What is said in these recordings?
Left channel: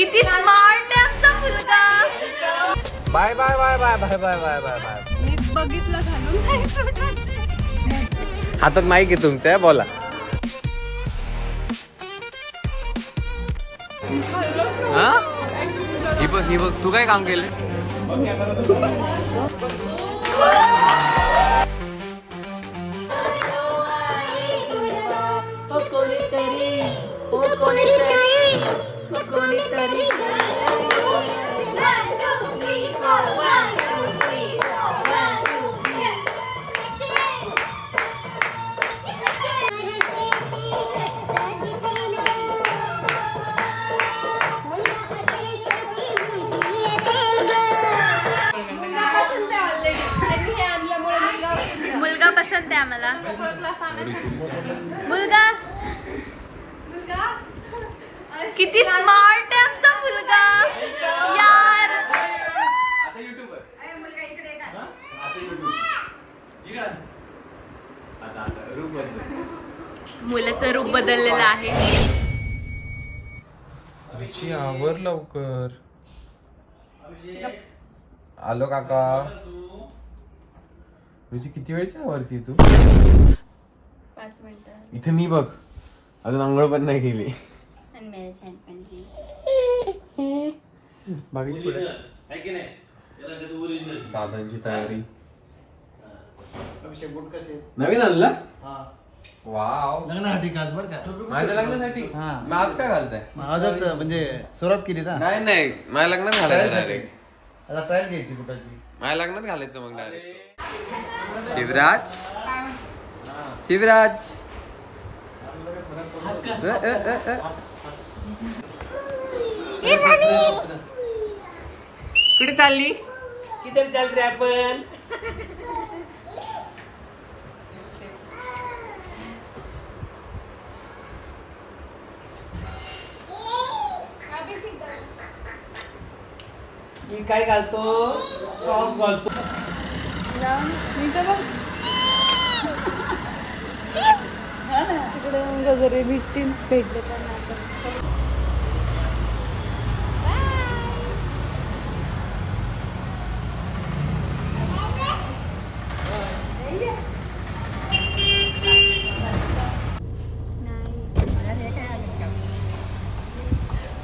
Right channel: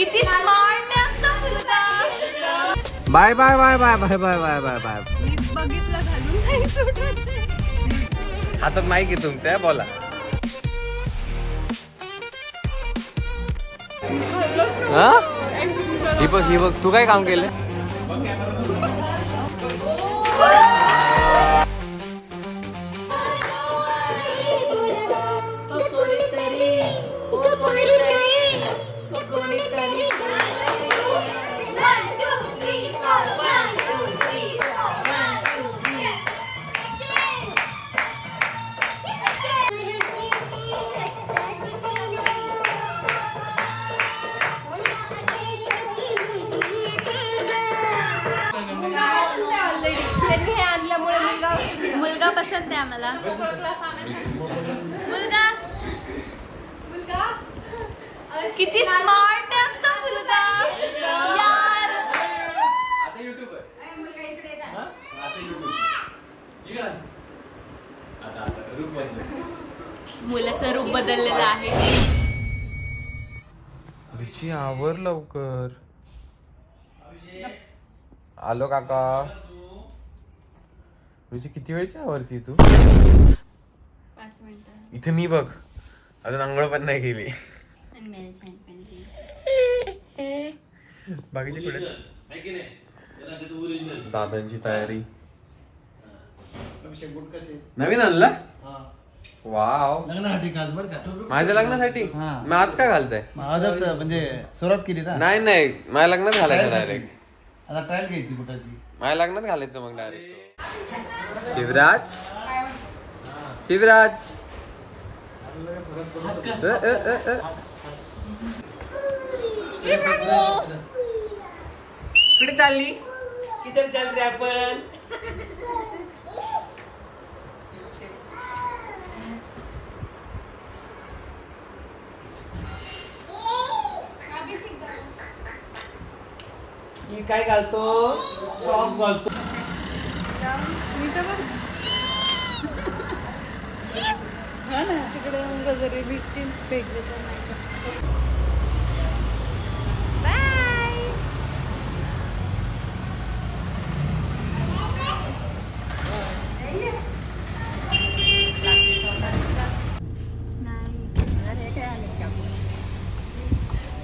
किती स्मार्ट आहे आमचा मुलगा. Bye bye bye bye bye bye bye bye bye. मी बघितलं घालून नाही सुटत. हातात माईक आहे तुमचं, बोला. हा ही बघ तू काय काम केलं. मुलगा पसंत आहे आम्हाला. मुलगा किती स्मार्ट आहे आमचा मुलगा यार. मुलाचं रूप बदललेलं आहे. आवर लवकर. आलो काका. रुची किती वेळची आवरती तू. 5 मिनिटं. इथे मी बघ अजून आंघोळ पण नाही केली. बाकीची पुढे दादांची तयारी. नवीन आणलं. वाव. लग्नासाठी काल बरं का. माझ्या लग्नासाठी. मग आज काय घालताय. आजच म्हणजे सुरुवात केली ना. नाही माझ्या लग्नात घालायचं डायरेक्ट. आता ट्रायल घ्यायची बुटाची. माझ्या लग्नात घालायचं मग डायरेक्ट. शिवराज शिवराज कुठे चालली. किती चाल रे आपण. मी काय घालतो. सॉक्स घालतो. तिकडे वगैरे भेटतील.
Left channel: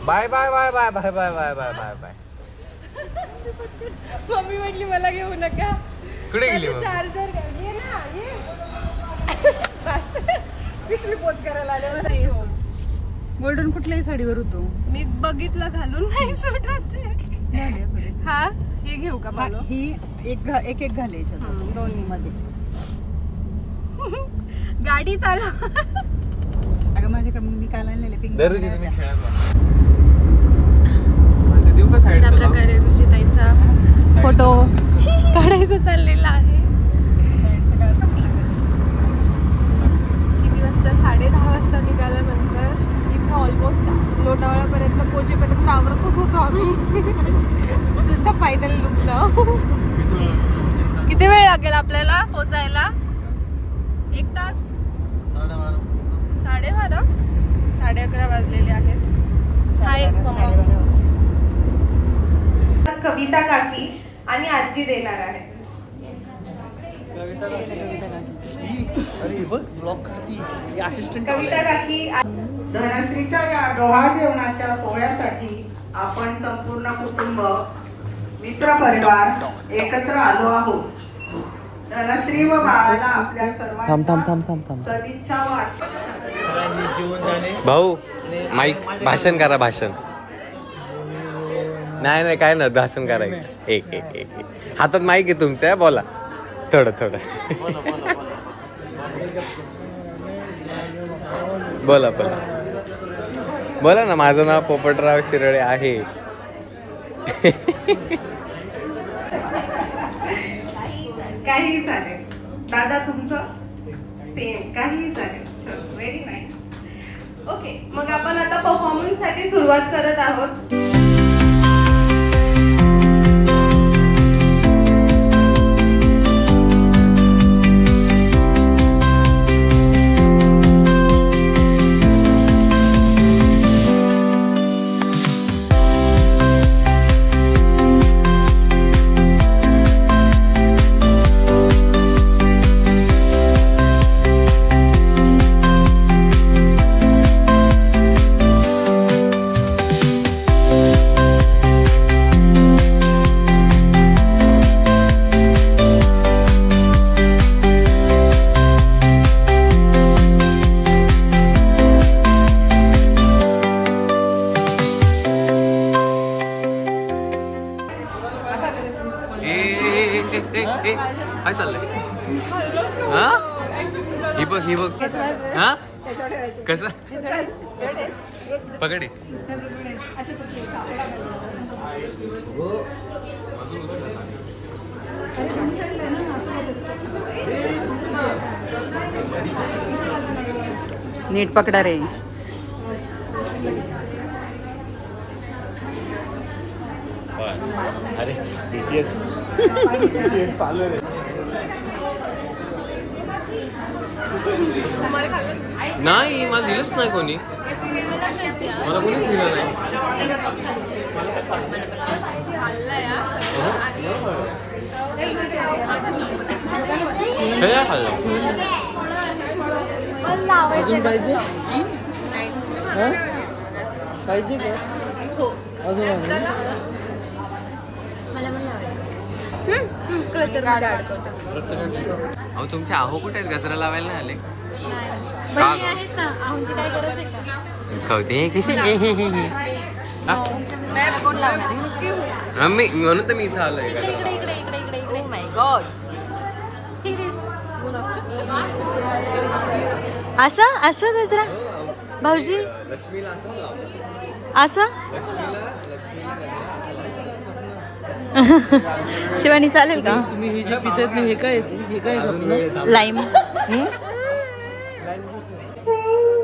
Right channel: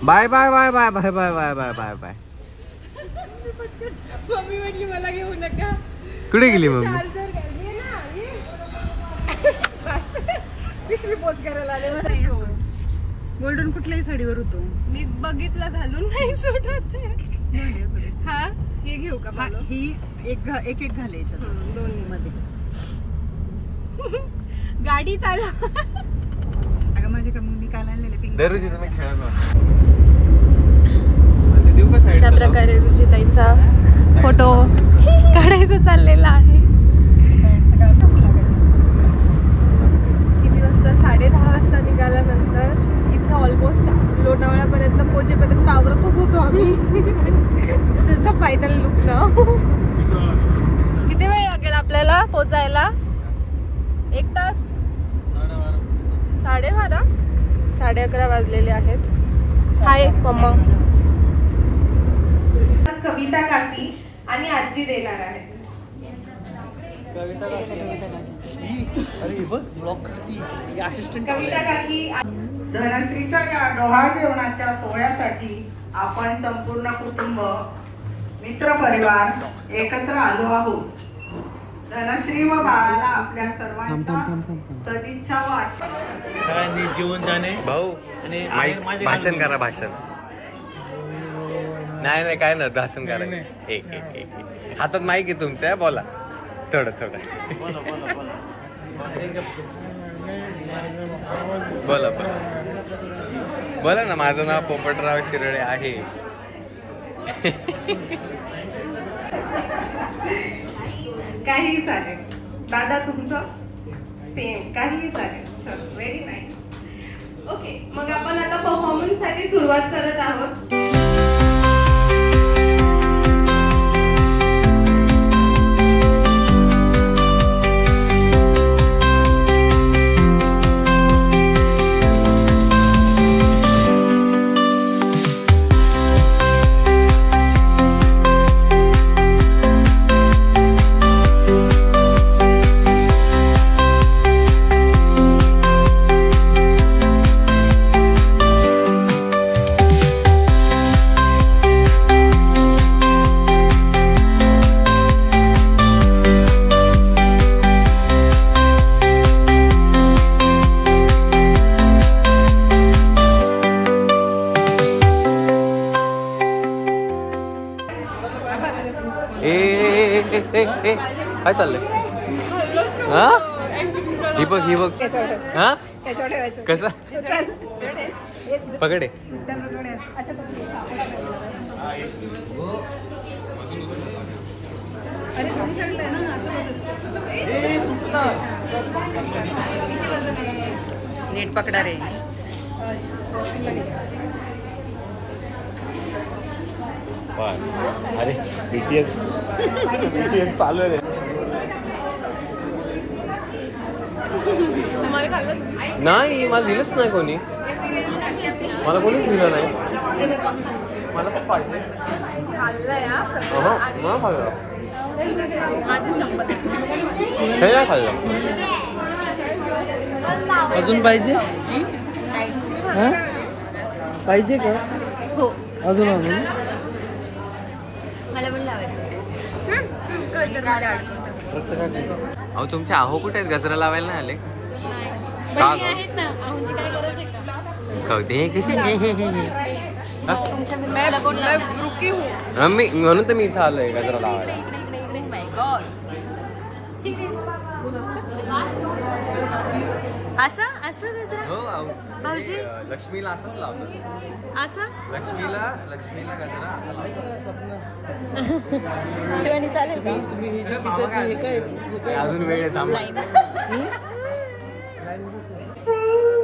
Bye bye bye bye bye bye bye bye bye bye. Mummy म्हटली मला घेऊ नका. कुठे गेली मम्मी. चार्जर घ्या ना. बस पिशवी पोच करायला आले. गोल्डन कुठल्याही साडीवर होतो. मी बघितलं घालून नाही सुटत. हा हे घेऊ का. ही एक घाले दोन्ही मध्ये. गाडी चालव. अगं माझ्याकडे मी काल आणलेले पिंक. दररोज तुम्ही खेळत देऊ का साईड. अशा प्रकारे रुचिताईंचा फोटो काढायचं चाललेला आहे. किती वाजता. 10:30 वाजता निघाल्यानंतर इथं ऑलमोस्ट लोणावळ्यापर्यंत पोहोचेपर्यंत आवरतच होतो आम्ही. दिस इज द फायनल लुक नाव. किती वेळ लागेल आपल्याला पोचायला. 1 तास. 12:30. 11:30 वाजलेले आहेत. हाय मम्मा. कविता काकी आणि आजी देणार आहे. अरे बघ ब्लॉक करती असिस्टंट. कविता काकी. धनश्रीच्या या डोहाळ जेवणाच्या सोहळ्यासाठी आपण संपूर्ण कुटुंब मित्र परिवार एकत्र आलो आहोत. धनश्री व बाळाला आपल्या सर्वांच्या सदिच्छा व सगळ्यांनी जेवण जाणे. भाऊ भाषण करा. भाषण नाही काय ना भाषण करायचं. एक हातात माईक आहे तुमचं, बोला थोडं बोला बोला ना. माझं नाव पोपटराव शिरळे आहे. काही चालेल. दादा तुमचं सेम. काही चालेल. Very nice. ओके मग आपण आता परफॉर्मन्स साठी सुरुवात करत आहोत. काय चाललंय हा ही बघ हा कसा पकडे नीट पकडा रे. नाही मला दिलंच नाही कोणी मला कोणीच दिलं नाही हे काय खाल्लं अजून पाहिजे पाहिजे का अजून अहो तुमचे आहो कुठे आहेत गजरा लावायला नाही आले कळते कसे मी म्हणून तर मी इथं आलोय गजरा लावायला असं असं गजरा भाऊजी लक्ष्मीला असंच लावतात असं लक्ष्मीला गजरा असं शिवानी चालेल का अजून वेळ लाईम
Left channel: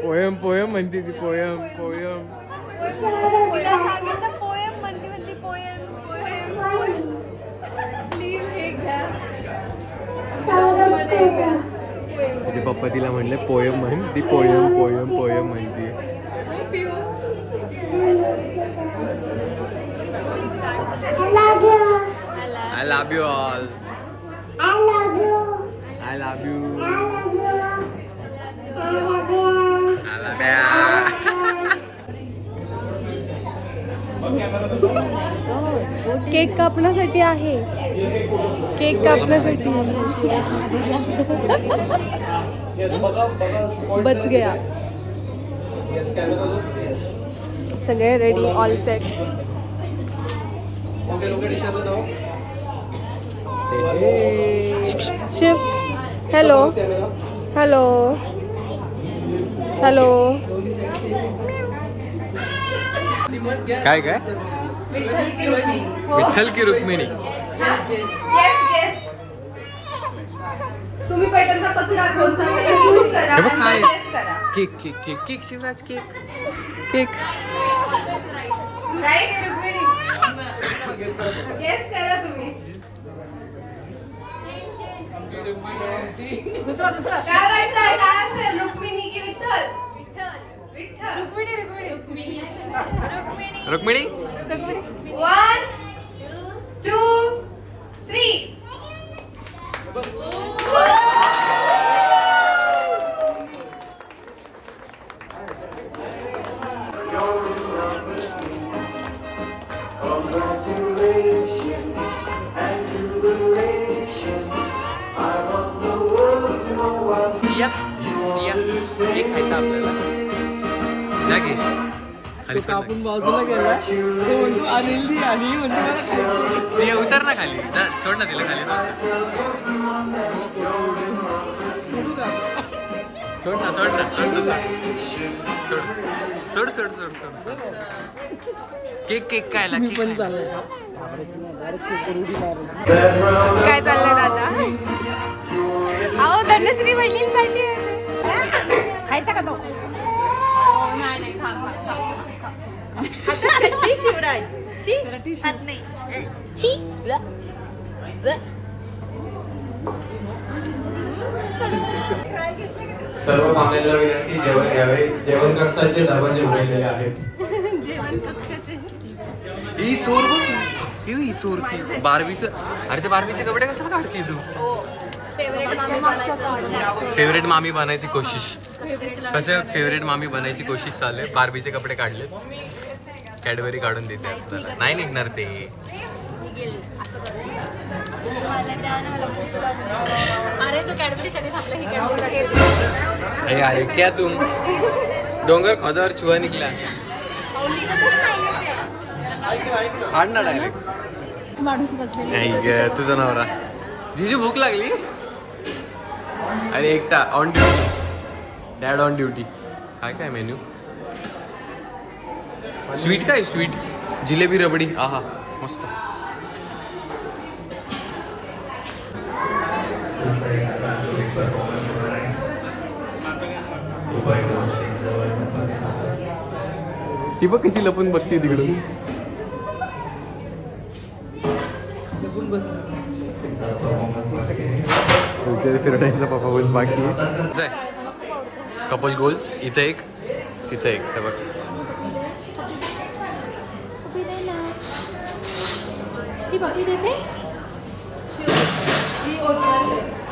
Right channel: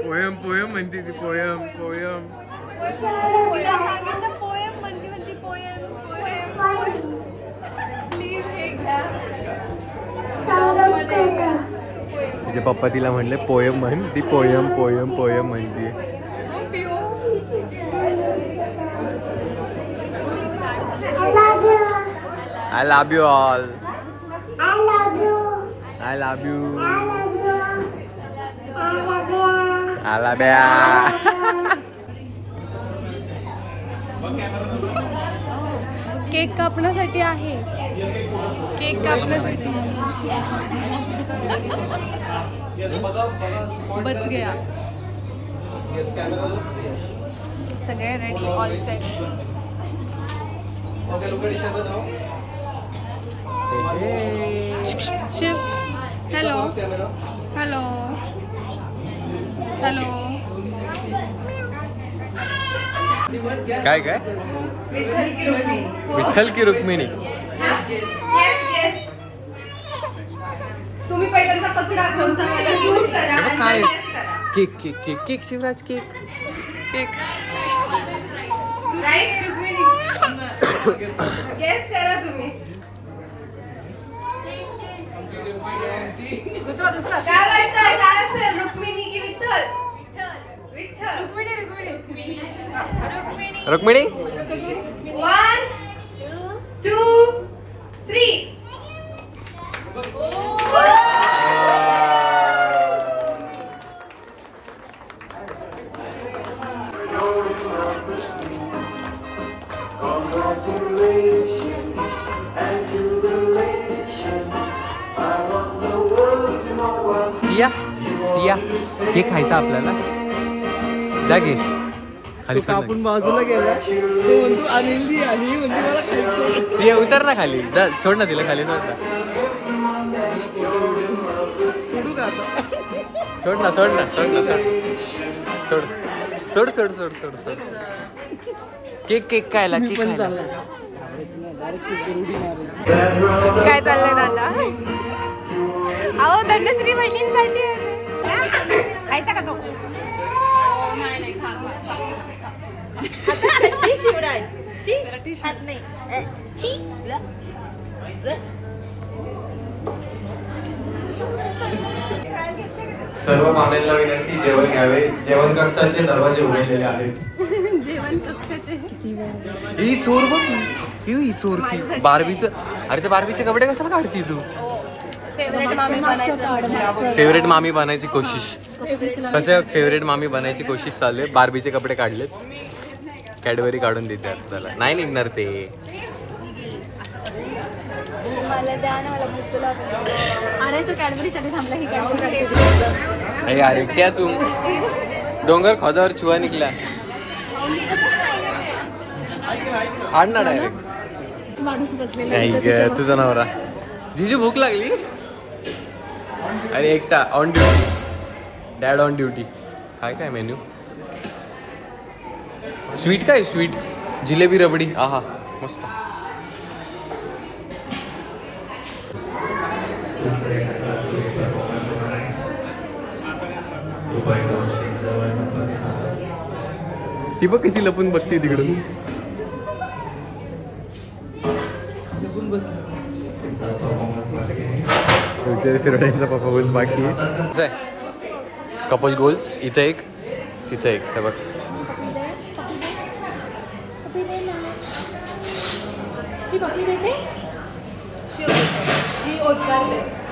पोयम पोयम म्हणते ती पोयम तिला सांगितलं पोयम म्हणती पोयम तिचे पप्पा तिला म्हणले पोयम म्हण ती पोयम म्हणते I love you all. I love you. Cake कापण्यासाठी आहे केक कापण्यासाठी बच गया सगळे ready all set Shiv hello hello hello काय विठ्ठल की रुक्मिणी काय cake cake cake cake Shivraj cake cake दुसरा रुक्मिणी की विठ्ठल रुक्मिणी 1 2 3 सिया केक खायचा आपल्याला जा घे कापून बाजूला गेला तो म्हणतो अनिल आणि म्हणजे मला खायचं सिया उतर ना खाली जा सोड ना तिला खाली सोड ना केक काय काय चाललंय दादा अहो धनश्री बहिणींसाठी खायचा का तो? शिवराज हात नाही सर्व मामेला विनंती जेवण घ्यावे जेवण कक्षाचे दरवाजे उघडलेले आहेत जेवण कक्षाचे ही चोर बघ ही चोर बार्बीचं अरे त्या बार्बीचे कपडे कशाला काढती तू फेवरेट मामी बनायची कोशिश कसं फेवरेट मामी बनायची कोशिश चालू आहे बार्बीचे कपडे काढलेत कॅडबरी काढून देते त्याला नाही निघणार ते अरे क्या तुम डोंगर खोदावर चुहा निघला हाड ना डायरेक्ट नाही ग तुझा नवरा जीजू भूक लागली. अरे एकटा on duty, dad on duty. काय काय मेन्यू? स्वीट काय स्वीट? जिलेबी रबडी. आहा मस्त. ती बघ कशी लपून बघते तिकडे. लपून बस. शिरोड्यांचा परफॉर्मन्स बाकी. कपल गोल्स इथे एक तिथे एक. हे बघ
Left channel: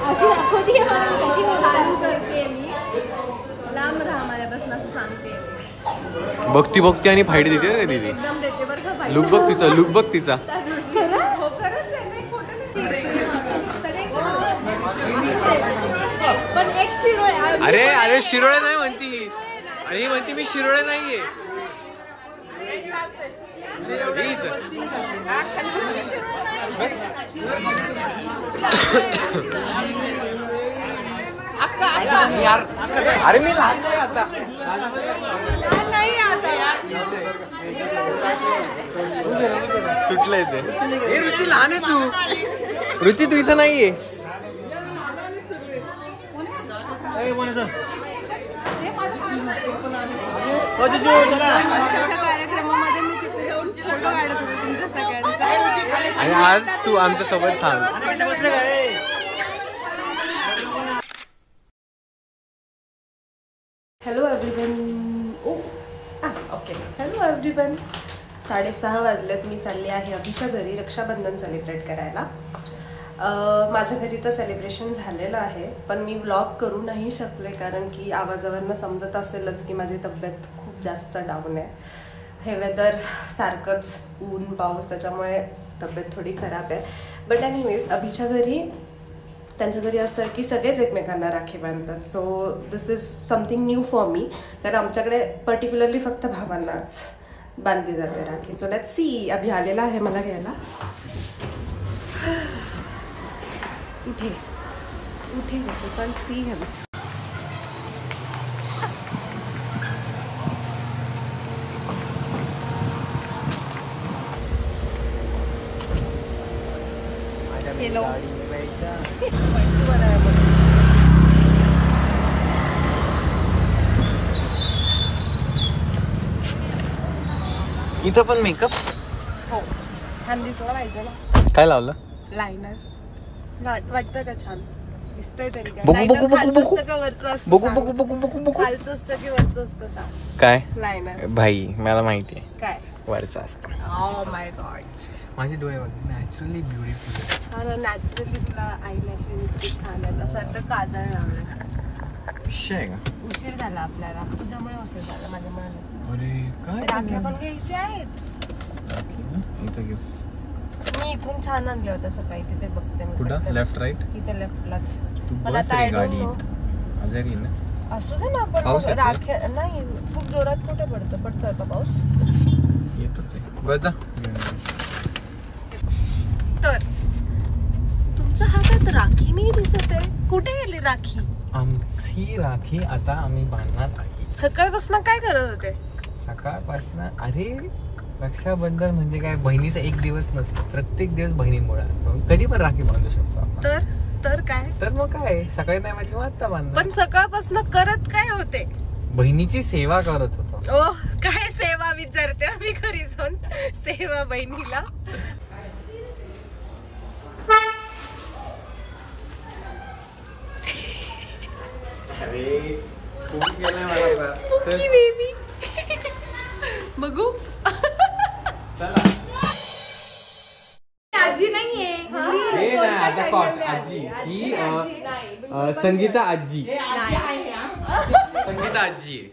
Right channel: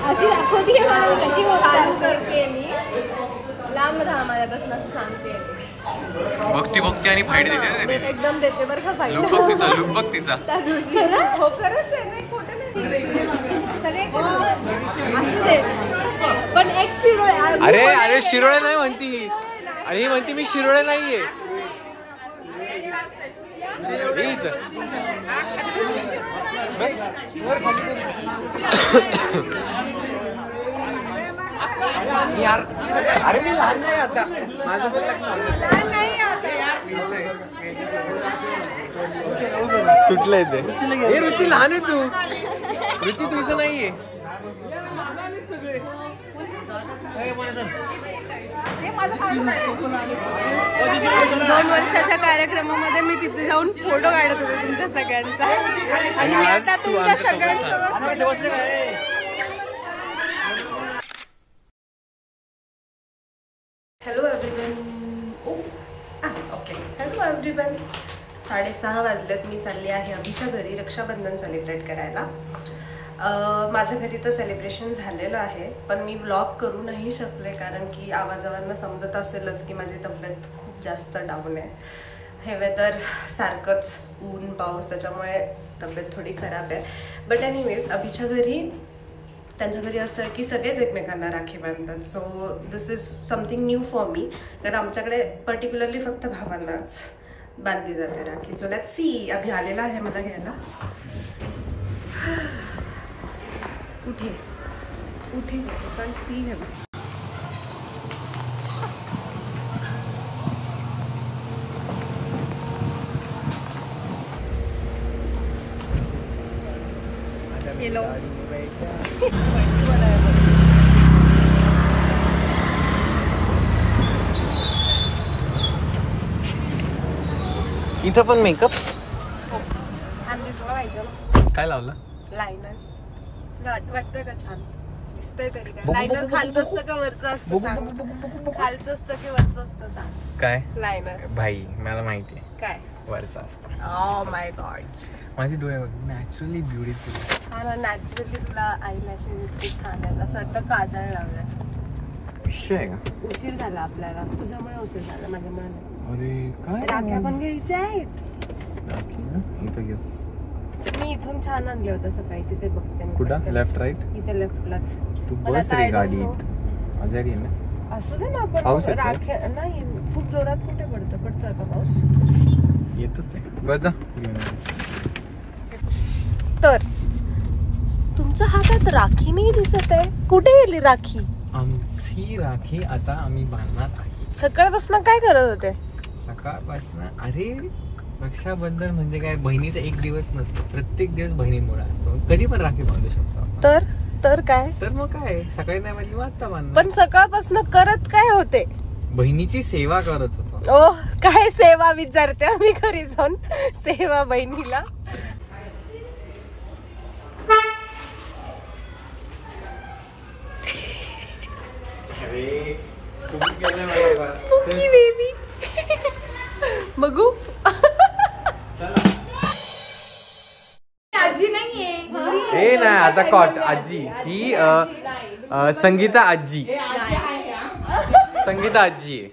अशी दाखवते मला कशी करते मी. लांब राहा माझ्यापासून असं सांगते. बघती बघती आणि फाईट देते ना. एकदम देते बरं का फाईट. लुक बघ तिचा, लुक बघ तिचा. खरं? हो खरंच आहे नाही, खोटं नाही. असू दे. पण एक शिरोळे. अरे अरे शिरोळे नाही म्हणती. अरे ही म्हणती मी शिरोळे नाहीये. बस यार. अरे मी लहान नाही आता. माझं पण तुटलंय ते. हे रुची लहान आहे तू. रुची तू इथं नाहीयेस. 2 वर्षाच्या कार्यक्रमामध्ये मी तिथे जाऊन फोटो काढत होते तुमच्या सगळ्यांचा. आणि आज तू आमच्या सोबत थांब. Hello everyone. Okay hello everyone. 6:30 वाजल्यात. मी चालली आहे अभिच्या घरी रक्षाबंधन सेलिब्रेट करायला. माझ्या घरी तर सेलिब्रेशन झालेलं आहे, पण मी व्लॉग करू नाही शकले कारण की आवाजावरनं समजत असेलच की माझी तब्येत खूप जास्त डाऊन आहे. हे वेदर सारखंच ऊन पाऊस त्याच्यामुळे तब्येत थोडी खराब आहे. बट एनिवेज अभिच्या घरी त्यांच्या घरी असं की सगळेच एकमेकांना राखी बांधतात. So this is something new for me. कारण आमच्याकडे पर्टिक्युलरली फक्त भावांनाच बांधली जाते rakhi. So let's see. Abhi आलेला आहे मला घ्यायला. उठे उठे पण सी हिम. हेलो. इथं पण मेकअप छान दिसलं पाहिजे ना. काय लावलं? लायनर. वाटतं का छान दिसतंय तरी? काय बघू, लायनर बघू, खालचं बघू, असतं का वरचं असतं? बघू सांग. बघू बघू बघू बघू. खालचं असतं की वरचं असतं सांग. काय लायनर भाई मला माहितीये काय? वरचं असतं. Oh my God. माझे डोळे बघ नॅचरली ब्युटिफुल. अरे नॅचरली तुला आयलॅशेस छान आहेत. असं वाटतं काजळ लावलं. उशीर झाला आपल्याला. तुझ्यामुळे उशीर झाला माझ्यामुळे. अरे काय राख्या पण घ्यायच्या आहेत. इथं घेऊ. मी इथून छान आणले होते सकाळी. तिथे बघते मी. कुठं? Left right? इथे लेफ्टलाच. तू बस रे गाडीत. आजारी आहे ना? असू दे ना. पण पाऊस येतोय? राख्या नाही खूप जोरात कुठे पडतं. पडतोय का पाऊस? येतोच आहे. बस जा. तर तुमचा हातात राखी नाही दिसत आहे. कुठे गेली राखी? आमची राखी आता आम्ही बांधणार आहे. सकाळपासून काय करत होते? सकाळपासून. अरे रक्षाबंधन म्हणजे काय? बहिणीचा एक दिवस नसतो. प्रत्येक दिवस बहिणीमुळे असतो. कधी पण राखी बांधू शकतो आपण. तर काय? तर मग काय? सकाळी नाही म्हणजे मग आता बांध. पण सकाळपासून करत काय होते? बहिणीची सेवा करत होतो. ओ काय सेवा विचारते आम्ही घरी जाऊन. सेवा बहिणीला. बेबी बघू. आजी नाहीये. हे नाही आता कॉट आजी. ही संगीता आजी. संगीता आजी आहे.